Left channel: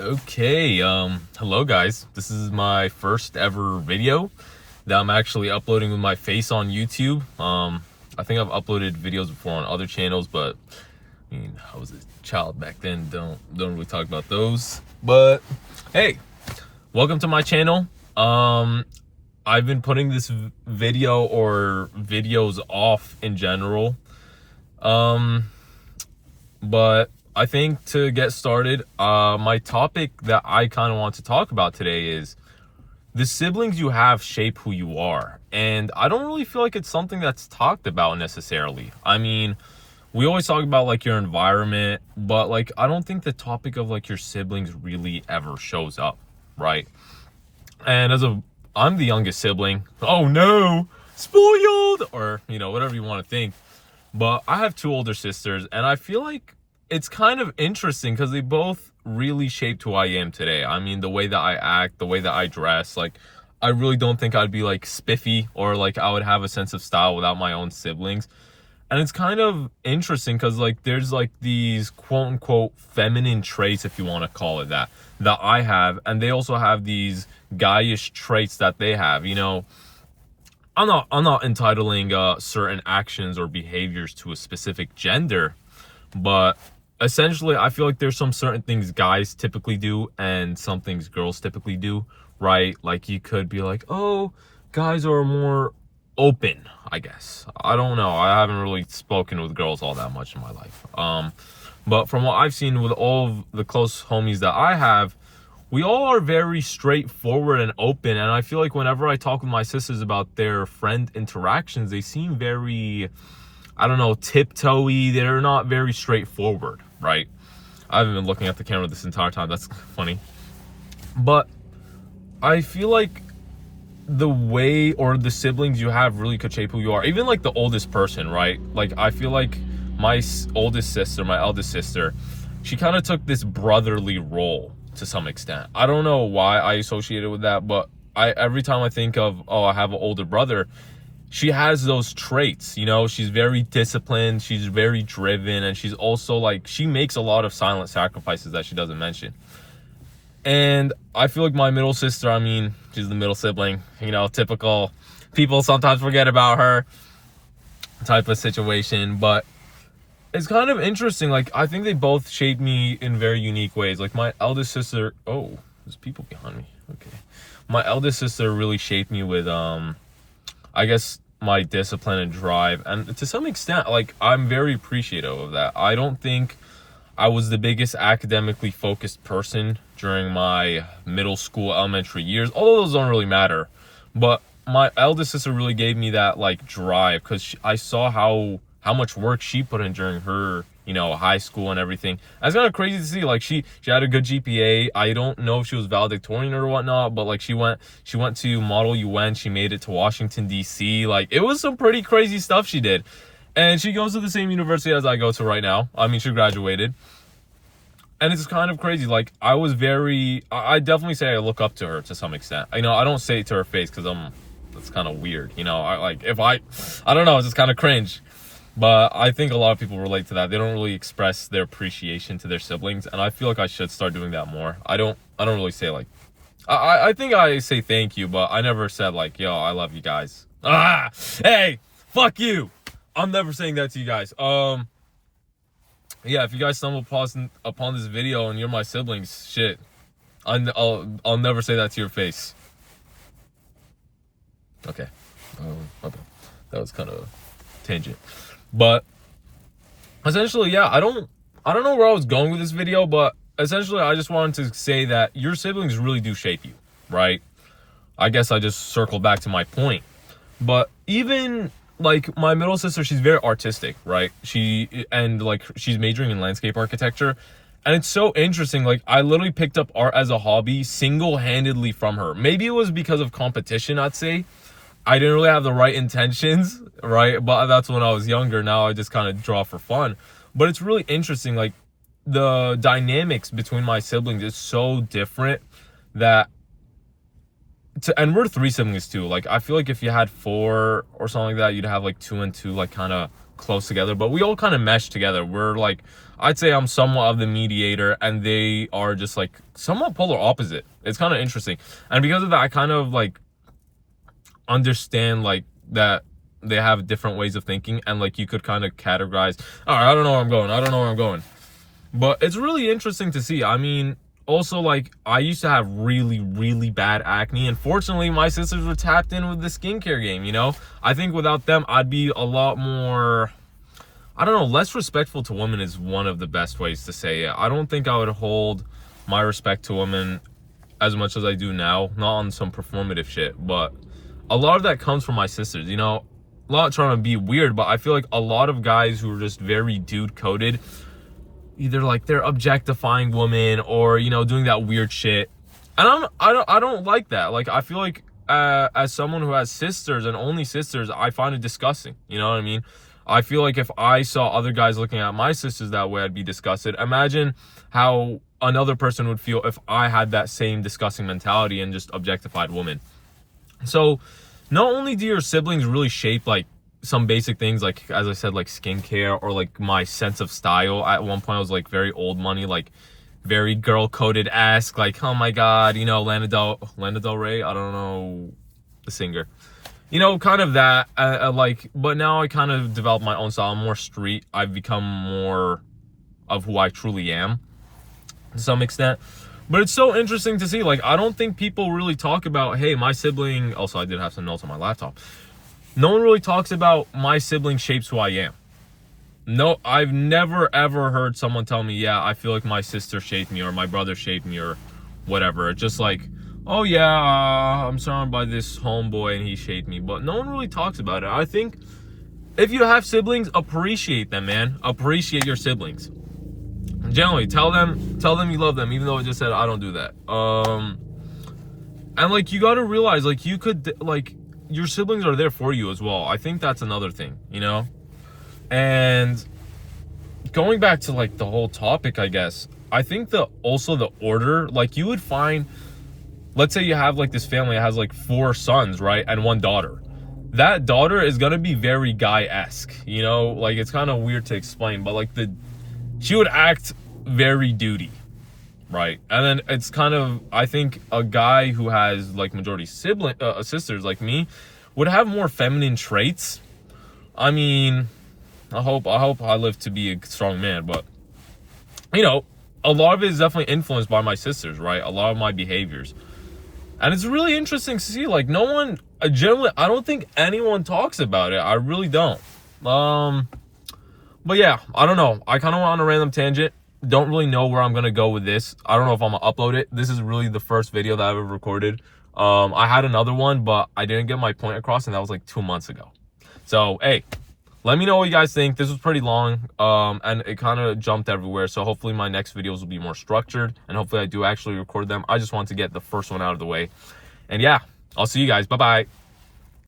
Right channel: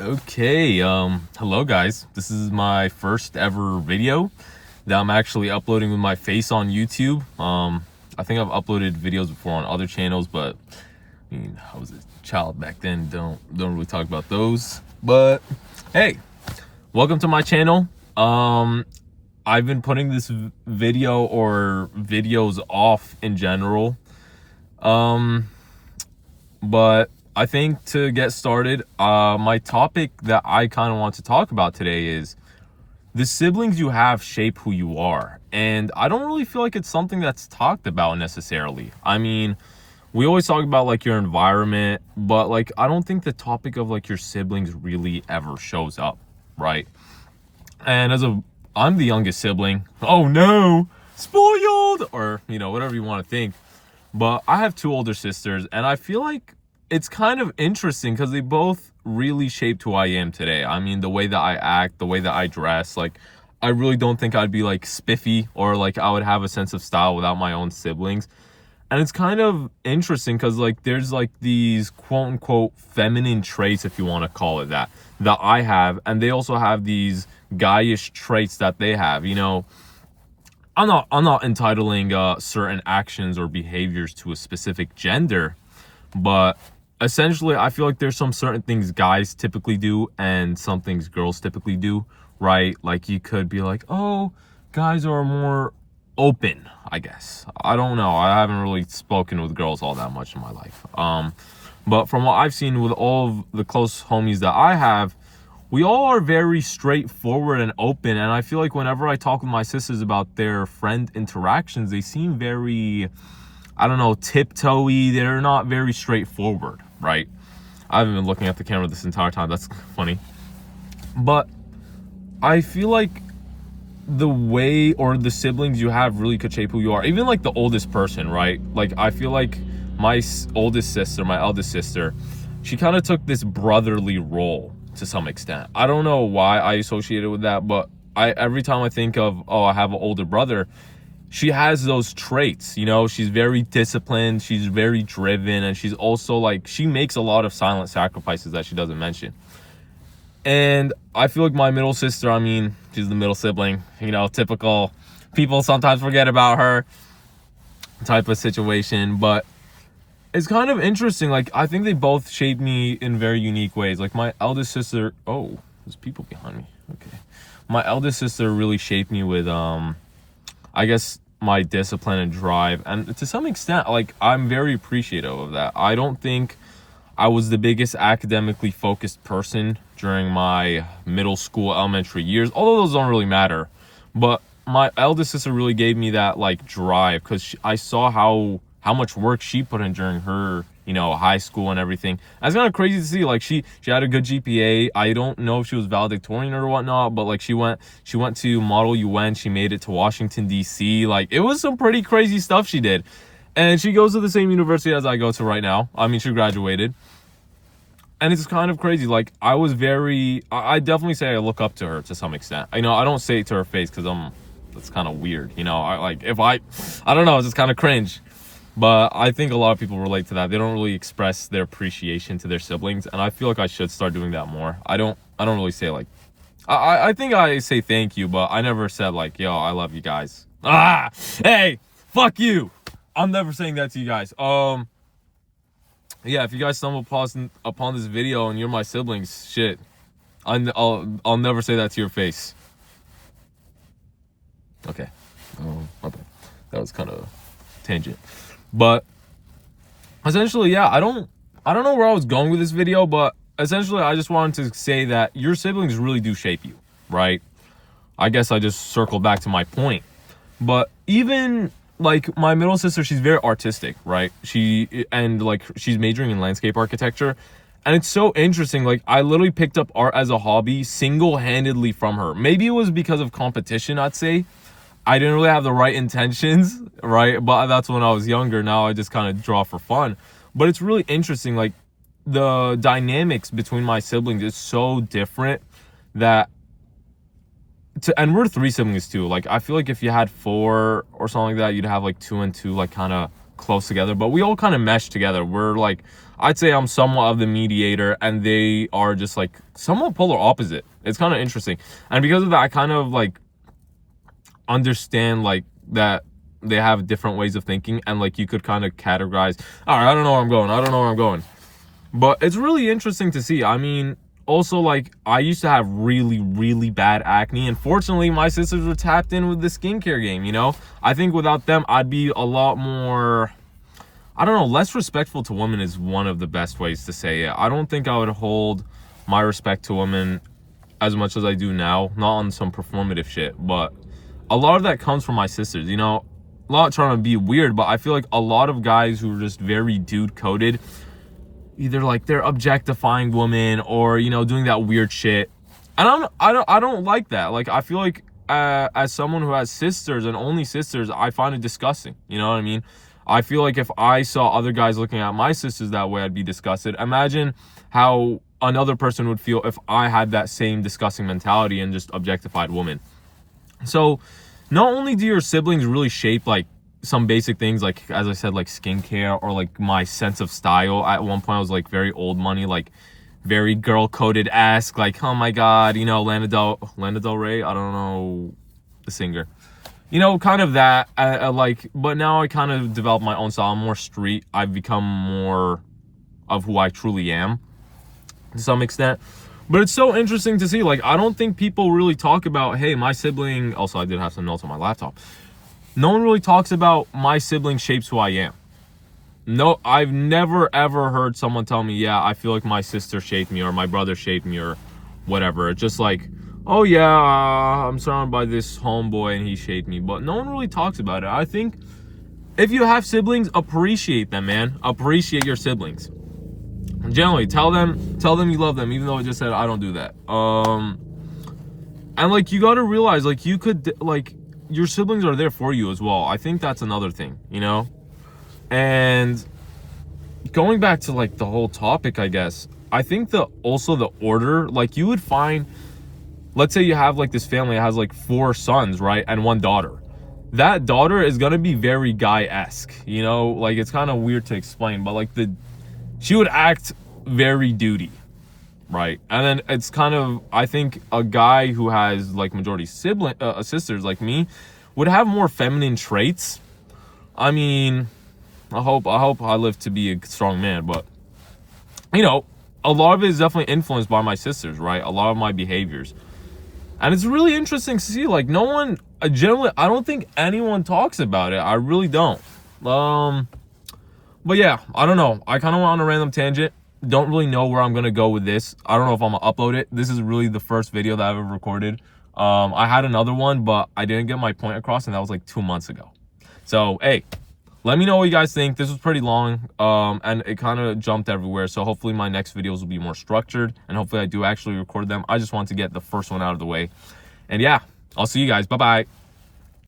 Okay, hello guys. This is my first ever video that I'm actually uploading with my face on YouTube. I think I've uploaded videos before on other channels, but I mean, I was a child back then. Don't really talk about those. But hey, welcome to my channel. I've been putting this video or videos off in general. But I think to get started, my topic that I kind of want to talk about today is the siblings you have shape who you are. And I don't really feel like it's something that's talked about necessarily. I mean, we always talk about like your environment, but like I don't think the topic of like your siblings really ever shows up, right? And I'm the youngest sibling. Oh no, spoiled, or whatever you want to think. But I have two older sisters, and I feel like it's kind of interesting because they both really shaped who I am today. I mean, the way that I act, the way that I dress, like, I really don't think I'd be like spiffy or like I would have a sense of style without my own siblings. And it's kind of interesting because like there's like these quote unquote feminine traits, if you want to call it that I have, and they also have these guyish traits that they have. I'm not entitling certain actions or behaviors to a specific gender, but essentially I feel like there's some certain things guys typically do and some things girls typically do, right? Like you could be like, oh, guys are more open, I guess. I don't know. I haven't really spoken with girls all that much in my life. But from what I've seen with all of the close homies that I have, we all are very straightforward and open, and I feel like whenever I talk with my sisters about their friend interactions, they seem very, I don't know, tiptoey. They're not very straightforward, right? I haven't been looking at the camera this entire time. That's funny. But I feel like the way or the siblings you have really could shape who you are. Even like the oldest person, right? Like I feel like my oldest sister, my eldest sister, she kind of took this brotherly role to some extent. I don't know why I associate it with that, but every time I think of, oh, I have an older brother, she has those traits. She's very disciplined, she's very driven, and she's also like, she makes a lot of silent sacrifices that she doesn't mention. And I feel like my middle sister, I mean, she's the middle sibling, typical people sometimes forget about her type of situation, but it's kind of interesting. Like, I think they both shaped me in very unique ways. Like, my eldest sister, oh, there's people behind me. Okay. My eldest sister really shaped me with, I guess, my discipline and drive. And to some extent, like, I'm very appreciative of that. I don't think I was the biggest academically focused person during my middle school, elementary years, although those don't really matter. But my eldest sister really gave me that, like, drive because I saw how much work she put in during her, high school and everything. That's kind of crazy to see. Like she had a good GPA. I don't know if she was valedictorian or whatnot, but like she went to Model UN. She made it to Washington, D.C. Like it was some pretty crazy stuff she did. And she goes to the same university as I go to right now. I mean, she graduated. And it's kind of crazy. Like I definitely say I look up to her to some extent. I don't say it to her face because that's kind of weird. I don't know, it's just kind of cringe. But I think a lot of people relate to that. They don't really express their appreciation to their siblings, and I feel like I should start doing that more. I don't really say like, I think I say thank you, but I never said like, yo, I love you guys. Hey, fuck you. I'm never saying that to you guys. Yeah, if you guys stumble upon this video and you're my siblings, shit, I'll never say that to your face. Okay. My bad. That was kind of tangent. But essentially, yeah, I don't know where I was going with this video, but essentially I just wanted to say that your siblings really do shape you, right? I guess I just circled back to my point. But even like my middle sister, she's very artistic, right? She's majoring in landscape architecture. And it's so interesting. Like I literally picked up art as a hobby single-handedly from her. Maybe it was because of competition, I'd say. I didn't really have the right intentions, right? But that's when I was younger. Now I just kind of draw for fun. But it's really interesting. Like the dynamics between my siblings is so different that, and we're three siblings too. Like I feel like if you had four or something like that, you'd have like two and two, like kind of close together. But we all kind of mesh together. We're like, I'd say I'm somewhat of the mediator, and they are just like somewhat polar opposite. It's kind of interesting. And because of that, I kind of like understand like that they have different ways of thinking, and like you could kind of categorize, all right, I don't know where I'm going. I don't know where I'm going. But it's really interesting to see. I mean, also, like, I used to have really, really bad acne. And fortunately, my sisters were tapped in with the skincare game, you know? I think without them, I'd be a lot more, I don't know, less respectful to women is one of the best ways to say it. I don't think I would hold my respect to women as much as I do now. Not on some performative shit, but a lot of that comes from my sisters, you know? Not trying to be weird, but I feel like a lot of guys who are just very dude-coded, either like they're objectifying women or, you know, doing that weird shit. And I don't like that. Like, I feel like as someone who has sisters and only sisters, I find it disgusting. You know what I mean? I feel like if I saw other guys looking at my sisters that way, I'd be disgusted. Imagine how another person would feel if I had that same disgusting mentality and just objectified women. So not only do your siblings really shape like some basic things, like, as I said, like skincare, or like my sense of style. At one point I was like very old money, like very girl coded-esque, like, oh my god, you know, Lana Del Rey, I don't know the singer, you know, kind of that, like. But now I kind of developed my own style. I'm more street. I've become more of who I truly am to some extent. But it's so interesting to see, like, I don't think people really talk about, hey, my sibling, also I did have some notes on my laptop. No one really talks about my sibling shapes who I am. No, I've never ever heard someone tell me, yeah, I feel like my sister shaped me, or my brother shaped me, or whatever. It's just like, oh yeah, I'm surrounded by this homeboy and he shaped me. But no one really talks about it. I think if you have siblings, appreciate them, man. Appreciate your siblings. Generally, tell them you love them, even though I just said I don't do that. And like, you got to realize, like, you could, like, your siblings are there for you as well. I think that's another thing, you know? And going back to like the whole topic, I guess, I think also the order, like, you would find, let's say you have like this family that has like 4 sons, right? And 1 daughter. That daughter is going to be very guy-esque, you know? Like, it's kind of weird to explain, but like she would act very duty, right? And then it's kind of, I think a guy who has like majority sisters like me would have more feminine traits. I mean, I hope I live to be a strong man, but you know, a lot of it is definitely influenced by my sisters, right? A lot of my behaviors. And it's really interesting to see, like, no one, generally, I don't think anyone talks about it. I really don't. But yeah, I don't know. I kind of went on a random tangent. Don't really know where I'm going to go with this. I don't know if I'm going to upload it. This is really the first video that I've ever recorded. I had another one, but I didn't get my point across, and that was like 2 months ago. So, hey, let me know what you guys think. This was pretty long, and it kind of jumped everywhere. So hopefully my next videos will be more structured, and hopefully I do actually record them. I just want to get the first one out of the way. And yeah, I'll see you guys. Bye-bye.